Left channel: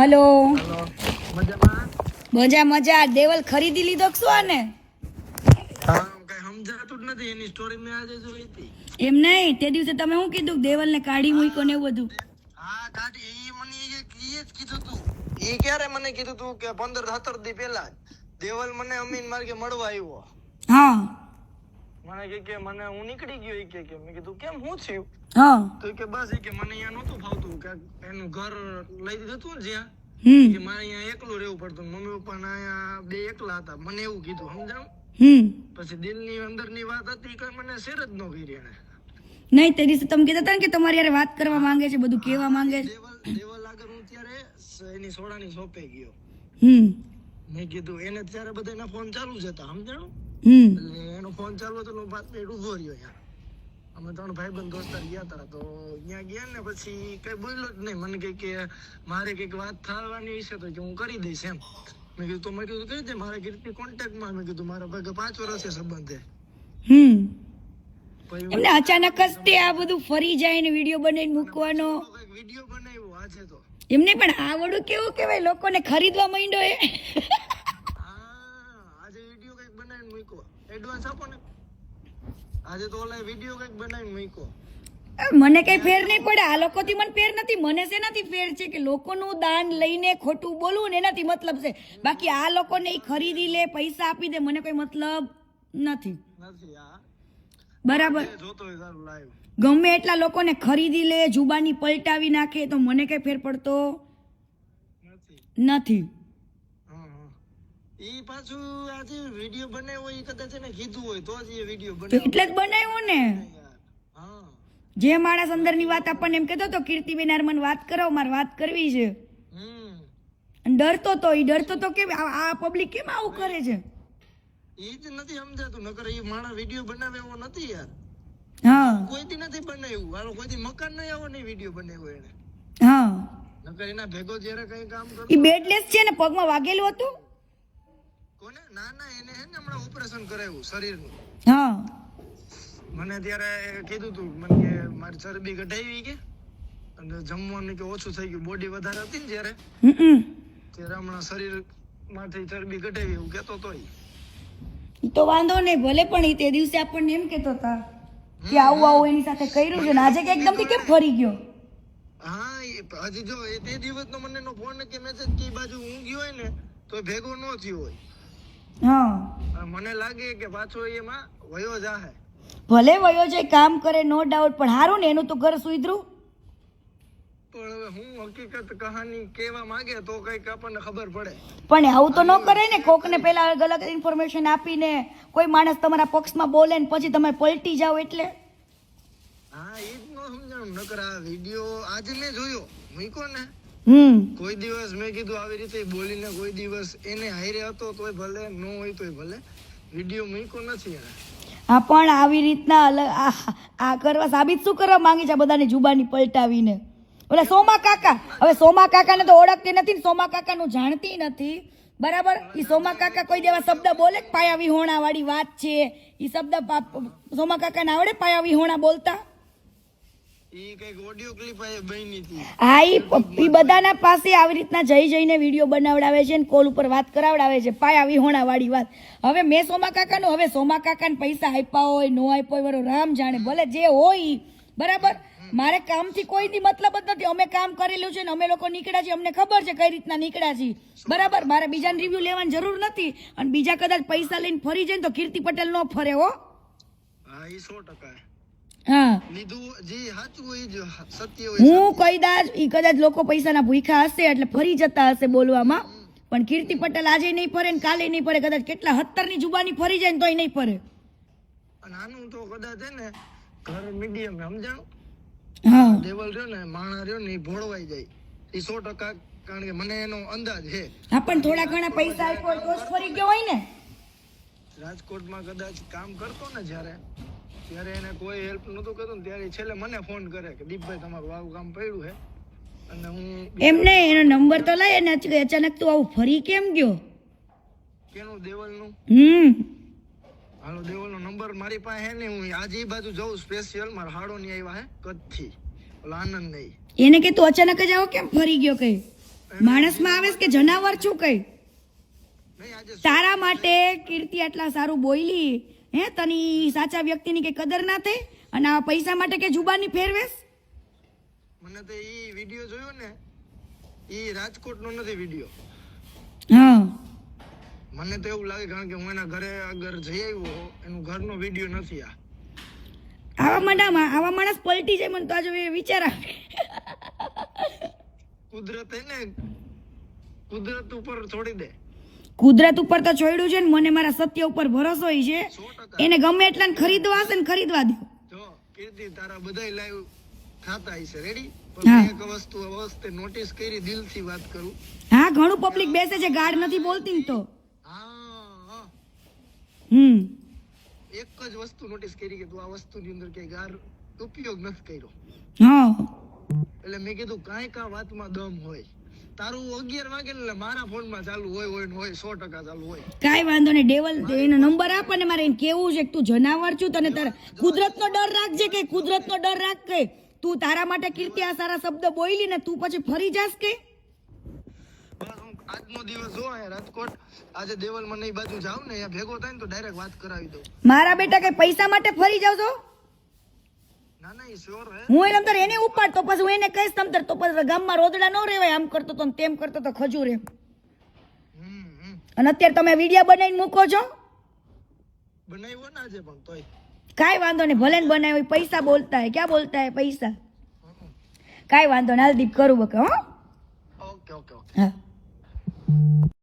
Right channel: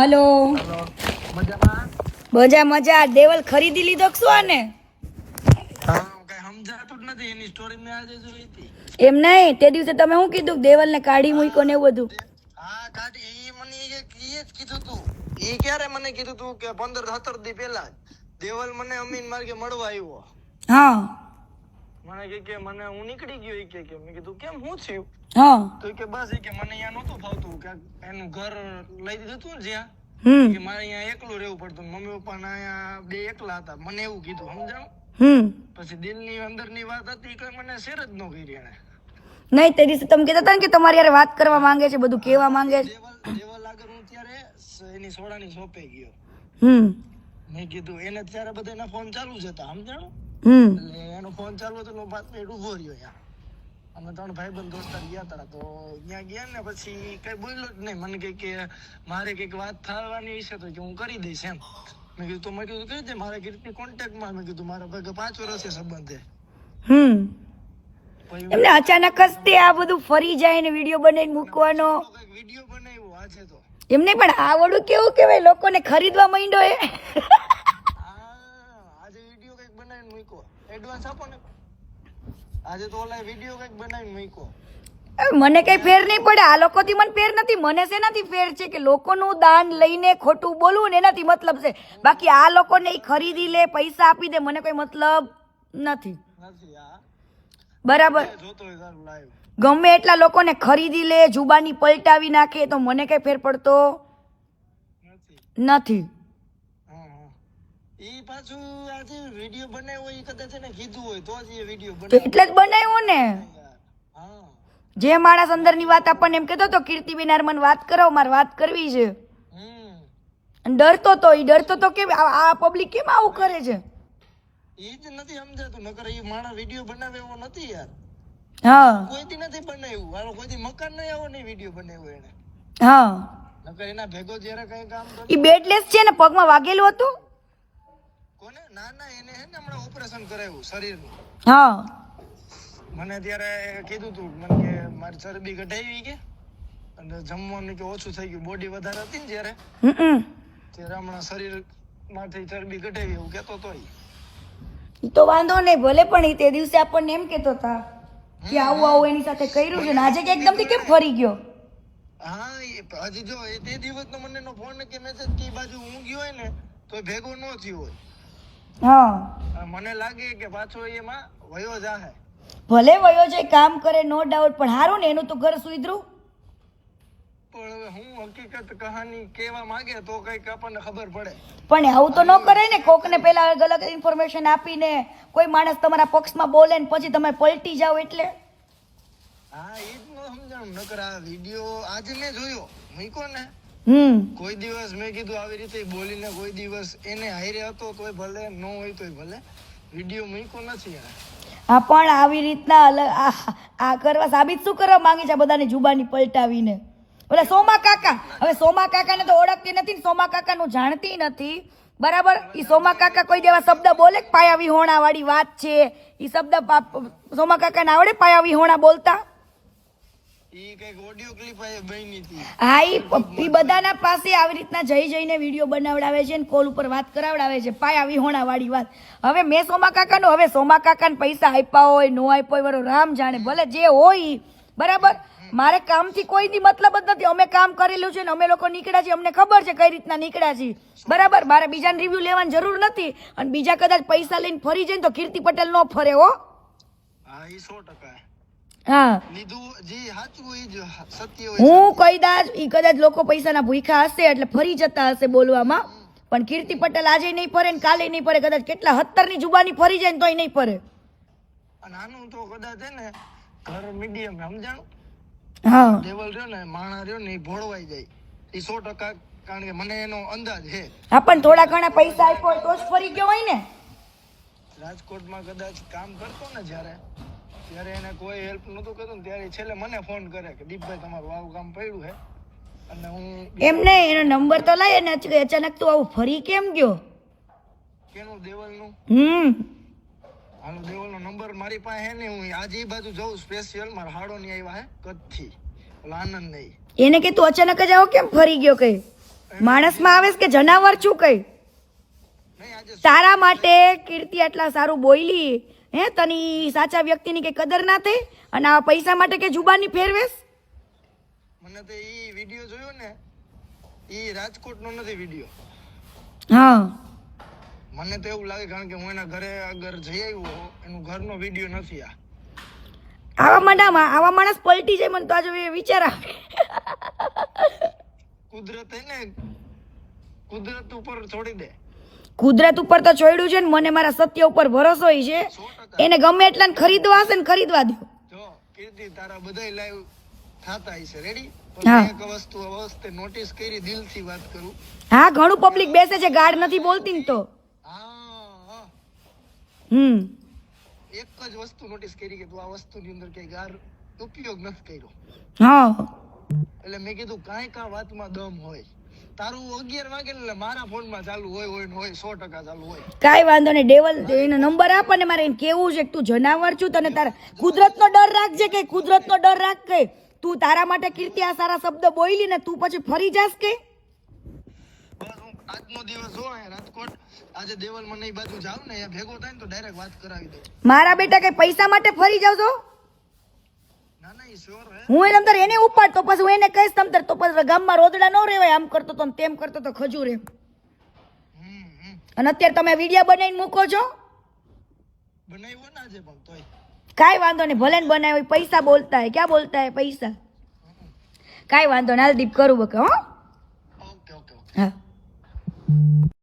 Hello hello मजाમાં मजा मजा देवल खरीदी લીધો કે શું આને હા કઈ સમજાતું જ નથી એની સ્ટોરી મેં આજે જોઈ હતી એમ નહીં તે દિવસે તમે શું કીધું દેવલ ને કાઢી મૂક્યો ને એવું બધું હા કાઢી ઈ મને એ જ કીધું તું ઈ ક્યારે મને કીધું તું કે 15-17 દી પહેલા દેવલ મને અમીન માર્ગે મળવા આવ્યો હા મને કે મને હું નીકળી ગયો ઈ કે મેં કીધું કેમ હું થયું હા તો કે બસ ઈ કે મને અહીંયા નહોતું ફાવતું કે એનું ઘર લઈ દીધું તું ને જ્યાં કે મારે અહીંયા એકલું રહેવું પડતું મમ્મી પપ્પા ના અહીંયા બે એકલા હતા મને એવું કીધું સમજાણું પછી દિલની અંદરની વાત હતી કે મને શેર જ ન કરી એને નહીં તે દિવસે તમે કહેતા હતા ને કે તમારી યાર વાત કરવા માંગે છે બધું કહેવા માંગે છે દેવલ આગળ હું ત્યારે એની સોડાની શોપે ગયો મેં કીધું એને ત્યારે બધાના ફોન ચાલુ જ હતા સમજાણું એટલે એનો ફોન ચાલુ હતો એટલે 5 મિનિટ ઉભો રહ્યો ત્યાં અમે 3 ભાઈબંધ દોસ્તાર ગયા હતા તો ત્યાં ગયા ને પછી કઈ બોલ્યો જ નહીં મને કે મારે કઈક વાત થવાની છે તો કે હું કરી દઈશ એમ મેં કીધું તો મેં કીધું કરી દે મારા કીર્તિ કોન્ટેક્ટમાં મેં કીધું મારા ભાગે 5 વર્ષે સંબંધ છે એમને અચાનક જ તે આ બધું ફરી જાય ને વિડિયો બનાવીને મૂકવાનો વિડિયો બનાવ્યો આજે તો એમને પણ આ વડું કેવું કેવાય લોકોને ખરીદવા માંડ્યો એ આજે વિડિયો કઈક બનાવીને મૂક્યો એડવાન્સ આપો ને આજે તો ઓલા વિડિયો કઈક બનાવીને મૂક્યો મને કઈ ફેર નહીં પડે આ લોકોથી મને ફેર નથી મને શેનાથી ફેર છે કે લોકોનું દાન લઈને ખોટું બોલવું ને એનાથી મતલબ છે બાકી આ લોકોને ઈ ખરીદી લે પૈસા આપી દે મને કોઈ મતલબ નથી બરાબર ગમે એટલા લોકોને ખરીદી લે જુબાની પલટાવી નાખે તો મને કઈ ફેર પડતો નથી ઈ પાછું આજે વિડિયો બનાવ્યો ઈ કદાચ એને કીધું હોય તો જ એ વિડિયો બનાવ્યો એટલે જ બનાવ્યો ને જે માણસ અંદરની વાત આપણને એમ કહેતો તો કીર્તિબેન યાર મને વાત કરો મારે વાત કરવી છે ડરતો તો કેમ આ પબ્લિક કેમ આવું કરે છે ઈ જ નથી સમજાતું નકર ઈ માણસ વિડિયો બનાવે એવો નથી યાર હા કોઈથી નથી બનાવ્યું આનો કોઈથી મકાન નહીં આવો નહીં વિડિયો બનાવ્યો એને હા નકર એના ભેગો જ્યારે કઈ કામ કરતો ઈ બેડલેસ છે ને પગમાં વાગેલું હતું કોને ના એને હે ને હમણાં ઓપરેશન કરાવ્યું શરીરનું હા મને ત્યારે કીધું તું મને કે મારી ચરબી ઘટાવી કે અને જમવાનું કે ઓછું થઈ ગયું બોડી વધારે હતી ને જ્યારે હમણાં શરીર માંથી ચરબી ઘટાવી એવું કેતો તો તો વાંધો નહીં ભલે પણ ઈ તે દિવસે આપણને એમ કેતો હતા કે આવું એની સાથે કર્યું છે ને આજે કે એકદમ થી કેમ ફરી ગયો હા હજી જો એ તે દિવસનો મને નો ફોન કે મેસેજ કે બાજુ હું ગયો હોય ને તો ભેગો ન થયો હોય હા મને લાગે કે પાછો એમાં વયો જાહે ભલે વયો જાય કામ કરે નો ડાઉટ પણ હારું ને એનું તો ઘર સુધરું પણ હવે હું હકીકત કહાની કહેવા માંગે તો કઈક આપણને ખબર પડે પણ આવું તો ન કરે ને કોકને પેલા ગલત ઇન્ફોર્મેશન આપીને કોઈ માણસ તમારા પક્ષમાં બોલે ને પછી તમે પલટી જાઓ એટલે હા એ જ ન સમજાણું નકર આ વિડિયો આજે મેં જોયો મૂક્યો ને કોઈ દિવસ મેં કીધું આવી રીતે બોલીને કોઈ દિવસ એને હારે હતો તોય ભલે ન હોય તોય ભલે વિડિયો મૂક્યો નથી એને હા પણ આવી રીતના અલગ આ કરવા સાબિત શું કરવા માંગે છે બધાની જુબાની પલટાવીને ઓલા સોમા કાકા હવે સોમા કાકાને તો ઓળખતી નથી ને સોમા કાકાનું જાણતી નથી બરાબર ઈ સોમા કાકા કોઈ દેવા શબ્દ બોલે પાયા વિહોણા વાળી વાત છે ઈ શબ્દ સોમા કાકાને આવડે પાયા વિહોણા બોલતા ઈ કઈક ઓડિયો ક્લિપ આ બની હતી હા ઈ બધાના પાસે આવી રીતના જઈને વિડીયો બનાવડાવે છે ને કોલ ઉપર વાત કરાવડાવે છે પાયા વિહોણા વાળી વાત હવે મેં સોમા કાકાને પૈસા આપ્યા હોય નો આપ્યા હોય બરો રામ જાણે ભલે જે હોય બરાબર મારે કામથી કોઈની મતલબ જ નથી અમે કામ કરેલું છે ને અમે લોકો નીકળ્યા છીએ અમને ખબર છે કઈ રીતના નીકળ્યા છીએ બરાબર મારે બીજાને રિવ્યુ લેવાની જરૂર નથી અને બીજા કદાચ પૈસા લઈને ફરી જાય ને તો કીર્તિ પટેલ નો ફરે હો હા ઈ 100% હા લીધું જે સાચું હોય જ સત્ય હોય હું કદાચ લોકો પૈસાના ભૂખા હશે એટલે ફરી જતા હશે બોલવામાં પણ કીર્તિ પટેલ આજે નહીં ફરે ને કાલે નહીં ફરે કદાચ કેટલા 17 ની જુબાની ફરી જાય ને તોય નહીં ફરે અને આનું તો કદાચ હે ને ઘર મીડિયમ સમજાણું હા લેવલ રહ્યો ને માણા રહ્યો ને ભોળવાઈ જાય એ 100% કારણ કે મને એનો અંદાજ છે હા પણ થોડા ઘણા પૈસા આપ્યો તો જ ફરી ગયો હોય ને રાજકોટમાં કદાચ કામ કરતો ને જ્યારે એને કોઈ હેલ્પ નતું કરતું ને ત્યારે છેલ્લે મને ફોન કરે કે દીપભાઈ તમારું આવું કામ પડ્યું હે અને હું એમ નહીં એનો નંબર તો લાય ને અચાનક તું આવું ફરી કેમ ગયો કેનું દેવલનું હાલો દેવલનો નંબર મારી પાસે હે ને હું આજે એ બાજુ જઉં સ્પેશિયલ મારા હાડો ની આવ્યા હે કચ્છથી ઓલા આનંદ નહીં એને કે તું અચાનક જ આવો કેમ ફરી ગયો કઈ માણસમાં આવેસ કે જનાવર છું કઈ? નહીં આજે તારા માટે કીર્તિ આટલા સારું બોલી, હે તની સાચા વ્યક્તિની કે કદર ના થઈ અને આ પૈસા માટે કે જુબાની ફેરવેશ? મને તો ઈ વિડિયો જોયો ને, ઈ રાજકોટનો નથી વિડિયો. હા મને તો એવું લાગે કારણ કે હું એના ઘરે અગર જઈ આવ્યો, એનું ઘરનો વિડિયો નથી આ. આવા માણસ પલટી જાય મને તો આજે વિચાર આવે. કુદરત હે ને, કુદરત ઉપર છોડી દે. કુદરત ઉપર તો છોડ્યું છે ને, મને મારા સત્ય ઉપર ભરોસો છે. 100% એને ગમે એટલાને ખરીદવા હશે ને ખરીદવા દો. જો કીર્તિ તારા બધાય લાઈવ થાતા હશે, રેડી? હા. પણ એક વસ્તુ અવસ્તે નોટિસ કરી, દિલથી વાત કરું. હા ઘણું પબ્લિક બેસે છે, ગાઢ નથી બોલતી ને તો. હા એક જ વસ્તુ નોટિસ કરી કે તું આ વસ્તુની અંદર કઈ ગાર ઉપયોગ નથી કર્યો. હા એટલે મેં કીધું કાંઈ વાતમાં દમ હોય. તારું 11 વાગે એટલે મારા ફોનમાં ચાલુ હોય ને હોય 100% ચાલુ હોય. કાઈ વાંધો નહીં, ડેવલ એનો નંબર આપ અને મારે એને કેવું છે કે તું જનાવર છું, તને તારા કુદરતનો ડર રાખજે કે કુદરતનો ડર રાખ કે તું તારા માટે કીર્તિ આ સારા શબ્દ બોલી ને તું પછી ફરી જાસ કે? બસ હું આજનો દિવસ જો અહીંયા રાજકોટ, આજે દેવલમાં નહીં બાજુ જાઉં ને અહીંયા ભેગો થાય ને તો ડાયરેક્ટ વાત કરાવી દઉં. મારા બેટા કે પૈસા માટે ફરી જાવ છો? ના ના, ઈ શ્યોર હે. હું એને તમતાર એને ઉપાડ તો પછી હું એને કહીશ તમતાર તો પછી ગામમાં રોદડા ન રહેવાય, આમ કરતો તો ને તેમ કરતો તો ખજૂર એમ. અને અત્યારે તમે વિડીયો બનાવીને મૂકો છો? બનાવ્યો ને આજે પણ તોય કાઈ વાંધો નહીં, ભલે ને બનાવ્યો, પૈસા બોલતા હે, ક્યાં બોલતા હે પૈસા. કાઈ વાંધો નહીં, હાલ દીપ કરું બકે. હો ઓકે ઓકે ઓકે. હા.